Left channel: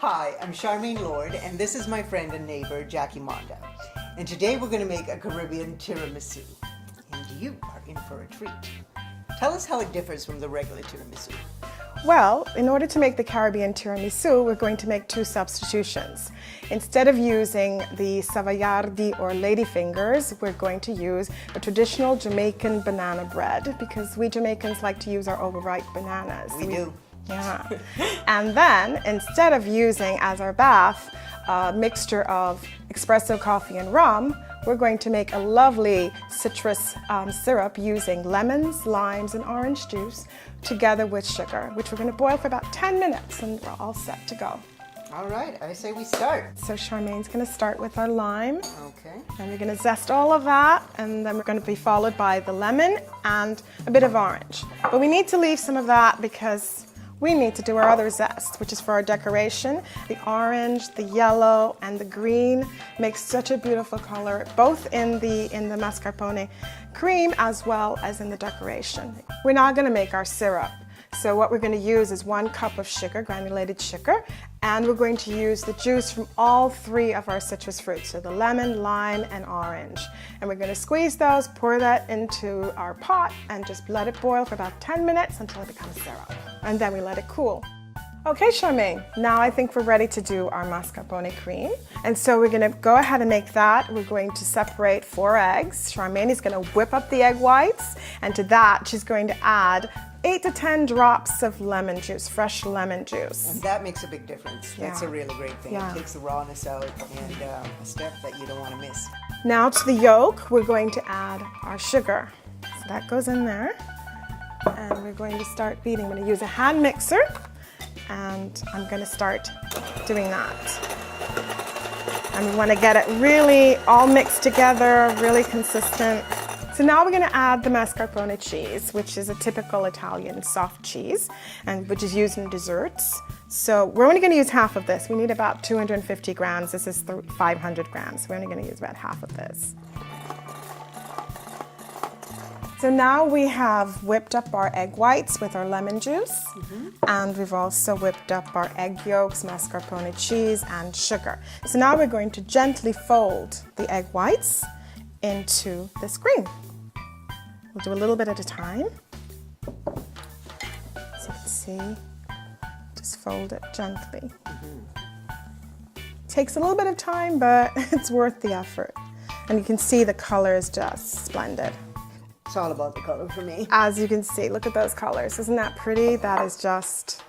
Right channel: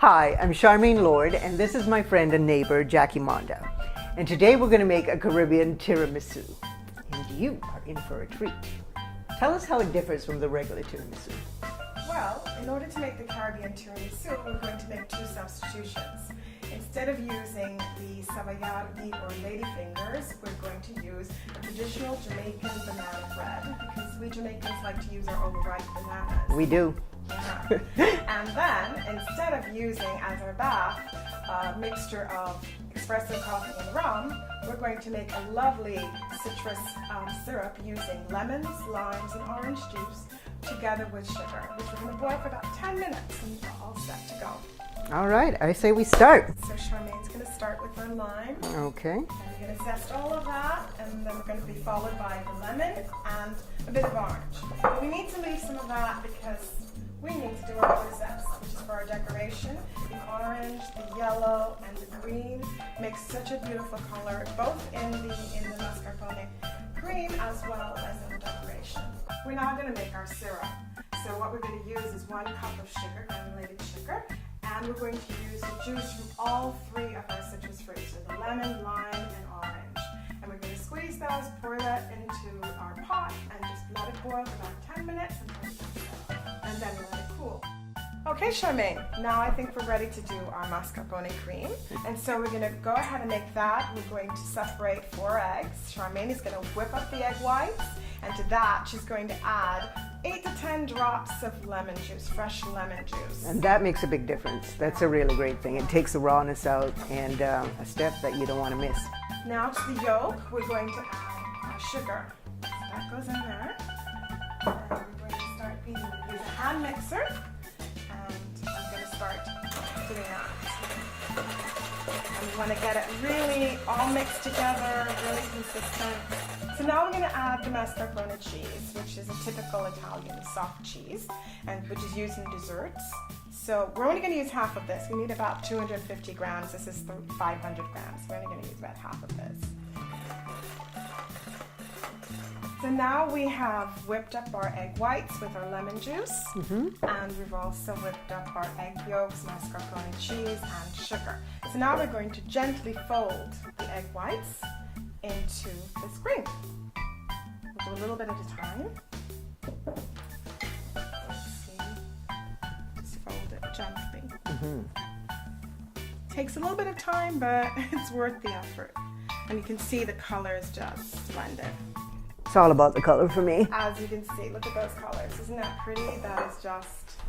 Hi, I'm Charmaine Lord, and this is my friend and neighbor, Jackie Monda. And today we're going to make a Caribbean tiramisu. And you are in for a treat. Tell us how it differs from the regular tiramisu. Well, in order to make the Caribbean tiramisu, we're going to make two substitutions. Instead of using the savoiardi or ladyfingers, we're going to use a traditional Jamaican banana bread because we Jamaicans like to use our overripe bananas. We do. Yeah. And then, instead of using as our bath a mixture of espresso coffee and rum, we're going to make a lovely citrus syrup using lemons, limes, and orange juice together with sugar, which we're going to boil for about 10 minutes and we're all set to go. All right, I say we start. So Charmaine's going to start with our lime. Okay. And we're going to zest all of that, and then we're going to be followed by the lemon and a bit of orange. But we need to leave some of that because we need to do our other zest, which is for our decoration. The orange, the yellow, and the green makes such a beautiful color, both in the mascarpone cream as well as in the decoration. We're now going to make our syrup. So what we're going to use is 1 cup of sugar, granulated sugar, and we're going to use the juice from all 3 of our citrus fruits, so the lemon, lime, and orange. And we're going to squeeze those, pour that into our pot, and just let it boil for about 10 minutes until it becomes syrup. And then we let it cool. Okay, Charmaine, now I think we're ready to do our mascarpone cream. And so we're going to go ahead and make that. We're going to separate 4 eggs. Charmaine is going to whip up the egg whites, and to that she's going to add 8 to 10 drops of lemon juice, fresh lemon juice. And that makes a big difference. That's a really great thing. Yeah. It takes the rawness out and a step that you don't want to miss. Now to the yolk, we're going to add our sugar. So that goes in there. And we're going to start beating. I'm going to use a hand mixer. And I'm going to start doing that. And we want to get it really all mixed together, really consistent. So now we're going to add the mascarpone cheese, which is a typical Italian soft cheese, and which is used in desserts. So we're only going to use half of this. We need about 250 grams. This is 500 grams. We're only going to use about half of this. So now we have whipped up our egg whites with our lemon juice, and we've also whipped up our egg yolks, mascarpone cheese, and sugar. So now we're going to gently fold the egg whites into this cream. We'll do a little bit at a time. So let's see, just fold it gently. Takes a little bit of time, but it's worth the effort. And you can see the color is just splendid. It's all about the color for me. As you can see, look at those colors. Isn't that pretty? That is just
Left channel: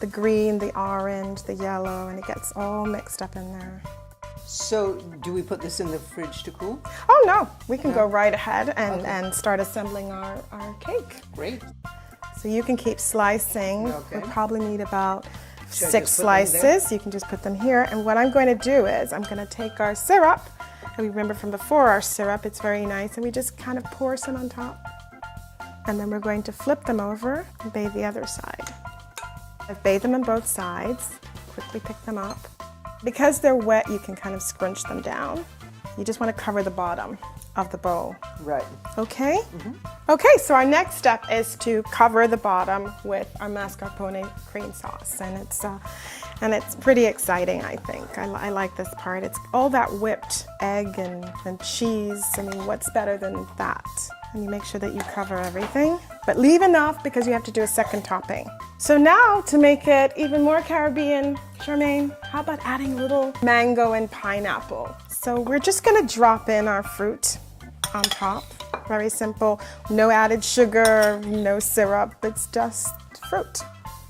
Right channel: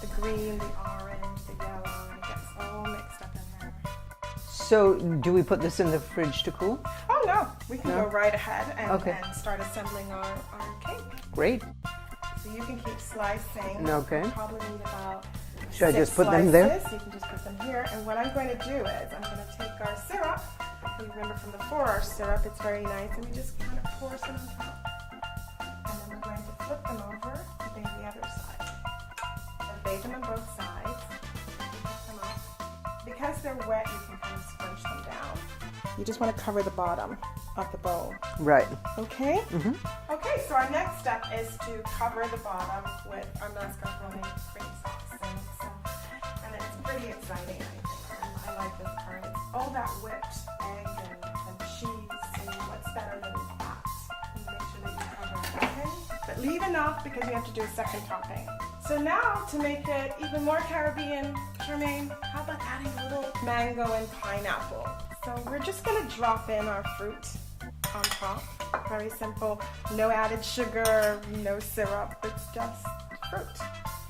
the green, the orange, the yellow, and it gets all mixed up in there. So do we put this in the fridge to cool? Oh no, we can go right ahead and start assembling our cake. Great. So you can keep slicing. Okay. You'll probably need about Should I 6 just put them there? slices. You can just put them here. And what I'm going to do is I'm going to take our syrup. And remember from before, our syrup, it's very nice. And we just kind of pour some on top. And then we're going to flip them over and bathe the other side. I've bathed them on both sides. Quickly pick them up. Because they're wet, you can kind of scrunch them down. You just want to cover the bottom of the bowl. Right. Okay? Okay, so our next step is to cover the bottom with our mascarpone cream sauce. And it's pretty exciting, I think. I like this part. It's all that whipped egg and cheese. I mean, what's better than that? And you make sure that you cover everything. But leave enough because you have to do a second topping. So now, to make it even more Caribbean, Charmaine, how about adding a little mango and pineapple? So we're just gonna drop in our fruit on top. Very simple, no added sugar, no syrup, it's just fruit.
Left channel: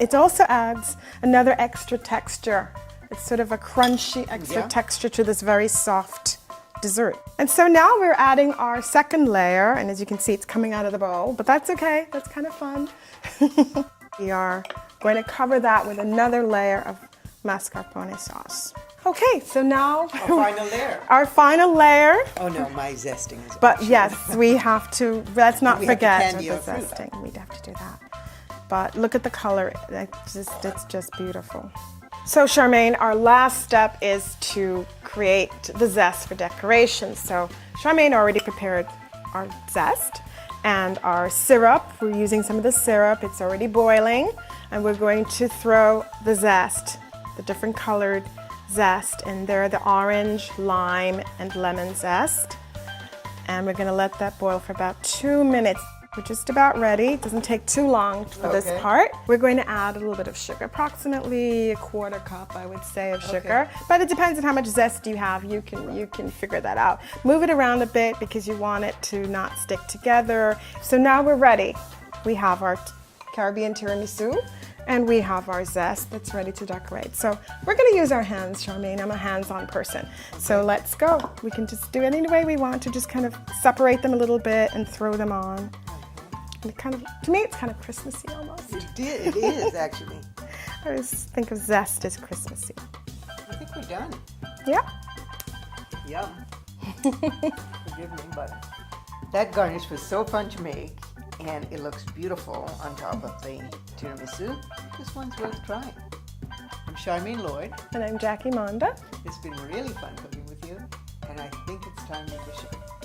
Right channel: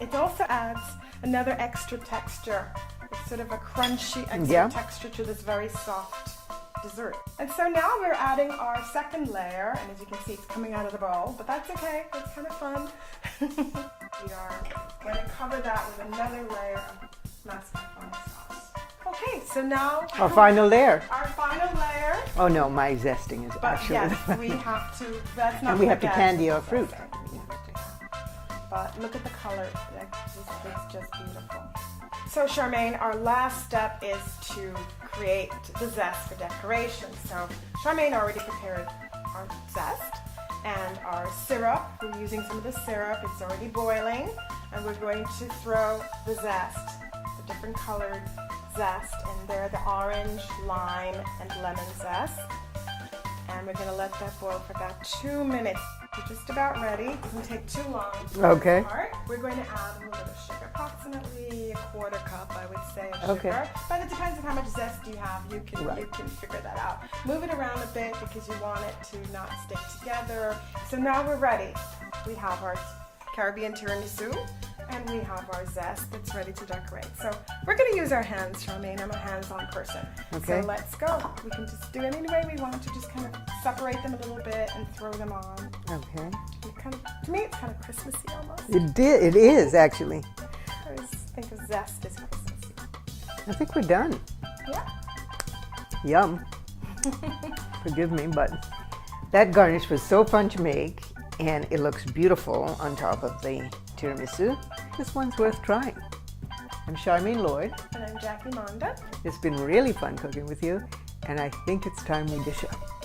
It also adds another extra texture. It's sort of a crunchy extra texture to this very soft dessert. And so now we're adding our second layer, and as you can see, it's coming out of the bowl, but that's okay, that's kind of fun. We are going to cover that with another layer of mascarpone sauce. Okay, so now Our final layer. our final layer. Oh no, my zesting is But yes, we have to, let's not We have to forget candy the our fruit. zesting. We have to do that. But look at the color, it's just beautiful. So Charmaine, our last step is to create the zest for decoration. So Charmaine already prepared our zest and our syrup. We're using some of the syrup, it's already boiling, and we're going to throw the zest, the different colored zest in there, the orange, lime, and lemon zest. And we're gonna let that boil for about 2 minutes. We're just about ready. It doesn't take too long for this part. We're going to add a little bit of sugar, approximately a 1/4 cup, I would say, of sugar. But it depends on how much zest you have. You can figure that out. Move it around a bit because you want it to not stick together. So now we're ready. We have our Caribbean tiramisu, and we have our zest that's ready to decorate. So we're going to use our hands, Charmaine. I'm a hands-on person. So let's go. We can just do it any way we want to, just kind of separate them a little bit and throw them on. Okay. And it kind of, to me, it's kind of Christmassy almost. It is actually. I always think of zest as Christmassy. I think we're done. Yeah. Yum. Forgive me, but that garnish was so fun to make, and it looks beautiful on top of the tiramisu. This one's worth trying. I'm Charmaine Lloyd. And I'm Jackie Monda. It's been really fun cooking with you, and I think it's time we dish up.